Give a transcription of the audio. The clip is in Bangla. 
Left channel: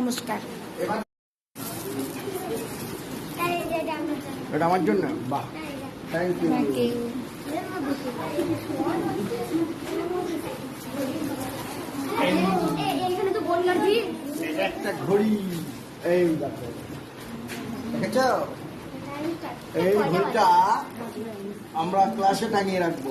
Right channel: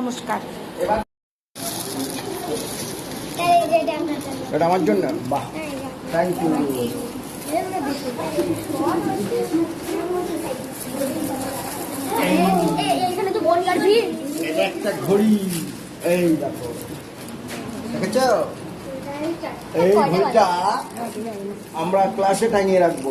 নমস্কার। এটা আমার জন্য? বাহ। থ্যাংক ইউ একটা ঘড়ি। আমরা ক্লাসে টাঙিয়ে রাখব।